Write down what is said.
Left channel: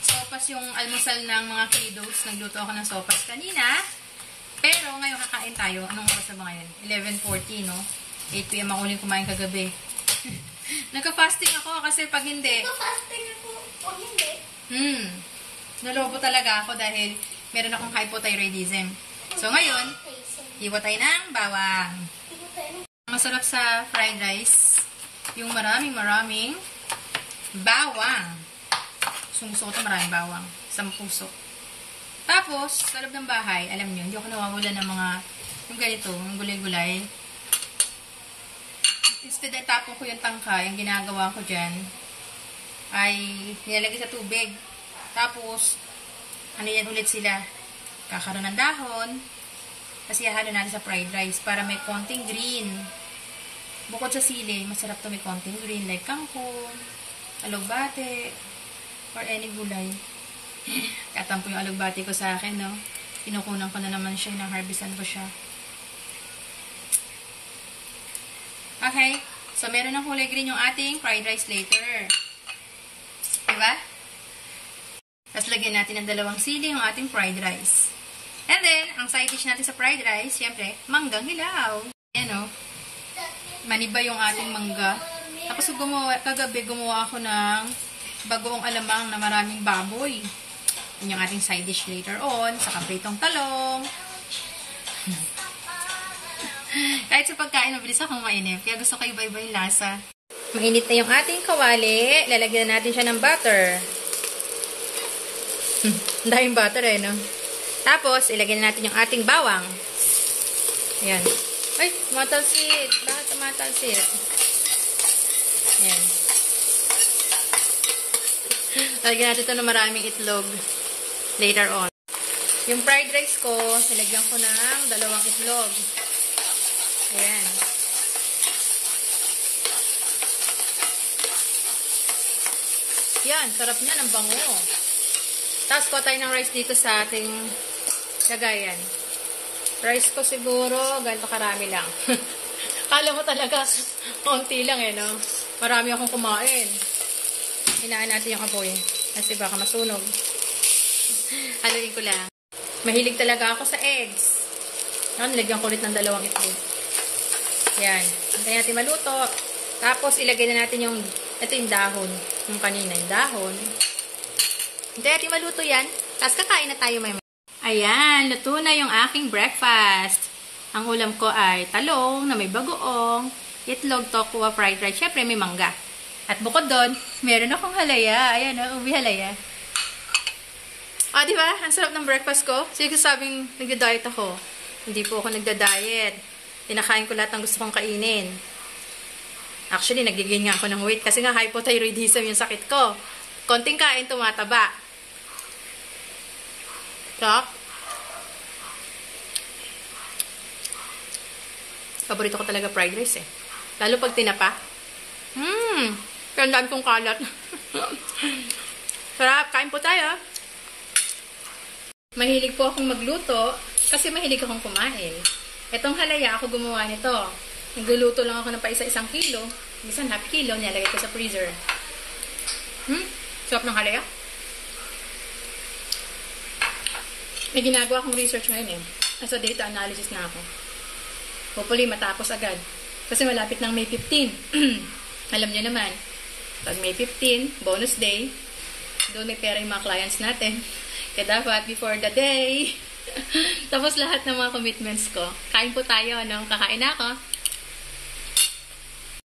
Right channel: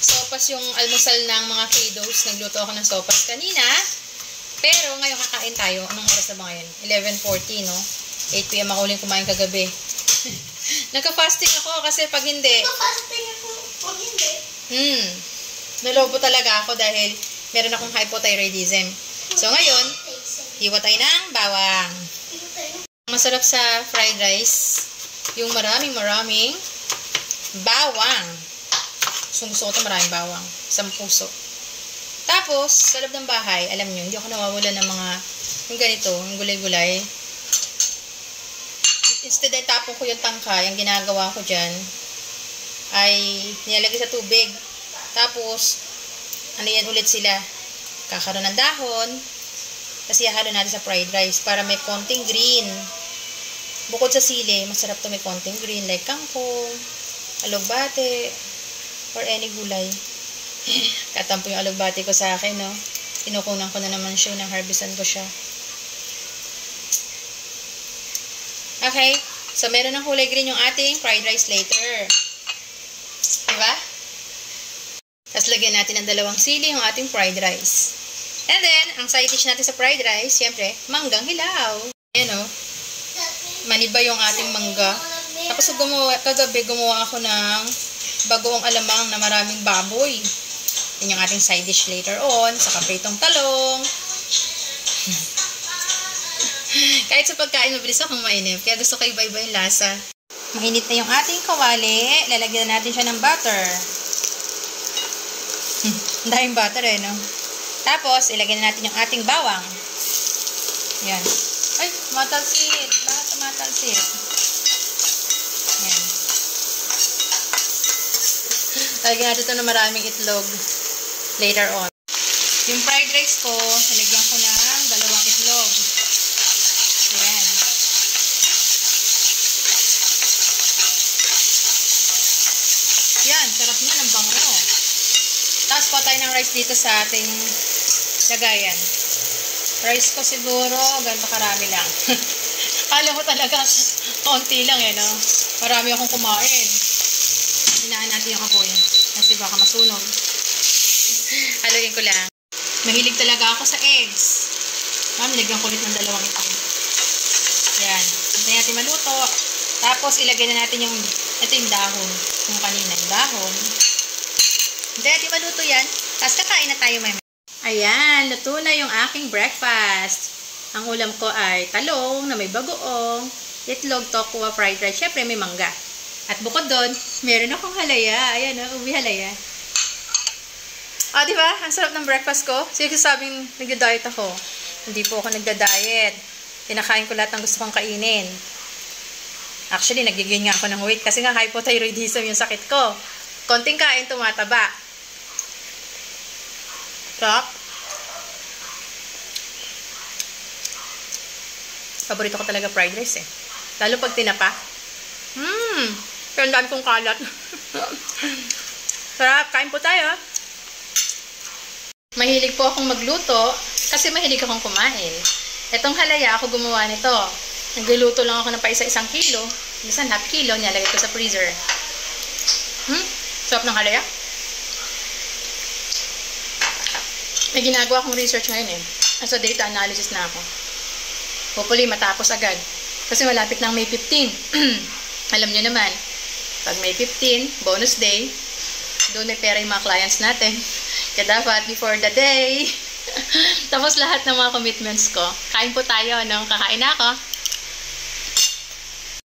sopas yung almusal ng mga kiddos. Nagluto ako ng sopas kanina. Pero ngayon kakain tayo. Anong oras na ba ngayon? 11:40, no? 8 PM ako uling kumain kagabi. Nagka-fasting ako kasi pag hindi... Nagka-fasting ako pag hindi? Nalobo talaga ako dahil meron akong hypothyroidism. So ngayon, hiwa tayo ng bawang. Masarap sa fried rice, yung maraming bawang. Gusto ko ito maraming bawang. Isang puso. Tapos, sa loob ng bahay, alam nyo, hindi ako nawawala ng mga, yung ganito, yung gulay-gulay. Instead ay tapon ko yung tangka, yung ginagawa ko dyan, ay nilalagay sa tubig. Tapos, ano yan ulit sila? Kakaroon ng dahon. Kasi hahalo natin sa fried rice para may konting green. Bukod sa sili, masarap to may konting green like kangkong, alugbate, or any gulay. Katampo yung alugbate ko sa akin, no? Kinukunan ko na naman siya, nang-harvestan ko siya. Okay, so meron ng kulay green yung ating fried rice later. Diba? Tapos lagyan natin ng 2 sili yung ating fried rice. And then, ang side dish natin sa fried rice, siyempre, manggang hilaw. Ayan, o. Maniba yung ating mangga. Tapos kagabi gumawa ako ng bagoong alamang na maraming baboy. Yan yung ating side dish later on. Sa kapitong talong. Kahit sa pagkain, mabilis akong mainip. Kaya gusto ko iba-iba yung lasa. Mainit na yung ating kawali. Lalagyan natin siya ng butter. Ang daming butter eh, no? Tapos, ilagyan natin yung ating bawang. Ayan. Ay, tumatalsik. Bakit tumatalsik? Ayan. Lagyan natin ito ng maraming itlog later on. Yung fried rice ko, nilagyan ko ng 2 itlog. Ayan. Yan, sarap niya ng bango. Tapos kuha tayo ng rice dito sa ating lagayan. Rice ko siguro, ganito karami lang. Kala mo talaga, konti lang eh, no? Marami akong kumain. Hinaan natin yung apoy. Kasi baka masunog. Haluin ko lang. Mahilig talaga ako sa eggs. Ma'am, lagyan ko ulit ng 2 itlog. Yan. Hintayin natin maluto. Tapos, ilagay na natin yung, ito yung dahon. Yung kanina, yung dahon. Hintayin natin maluto yan. Tapos, kakain na tayo may. Ayan, luto na yung aking breakfast. Ang ulam ko ay talong na may bagoong, itlog, tokwa, fried rice. Siyempre, may mangga. At bukod doon, meron akong halaya. Ayan, uwi halaya. Diba? Ang sarap ng breakfast ko. Sige, sabing nagda-diet ako. Hindi po ako nagda-diet. Tinakain ko lahat ng gusto kong kainin. Actually, nagiging nga ako ng weight kasi nga hypothyroidism yung sakit ko. Konting kain, tumataba. Sarap. Paborito ko talaga fried rice eh. Lalo pag tinapa. Pero ang dami kong kalat. Sarap. Kain po tayo. Mahilig po akong magluto kasi mahilig akong kumain. Itong halaya, ako gumawa nito. Nagluluto lang ako ng pa isa-1 kilo. Minsan half kilo, nilalagay ko sa freezer. Sarap ng halaya. May ginagawa akong research ngayon eh. As a data analysis na ako. Hopefully, matapos agad. Kasi malapit ng May 15. Alam niyo naman, pag May 15, bonus day, doon may pera yung mga clients natin. Kaya dapat, before the day, tapos lahat ng mga commitments ko. Kain po tayo, no? Kakain na ako.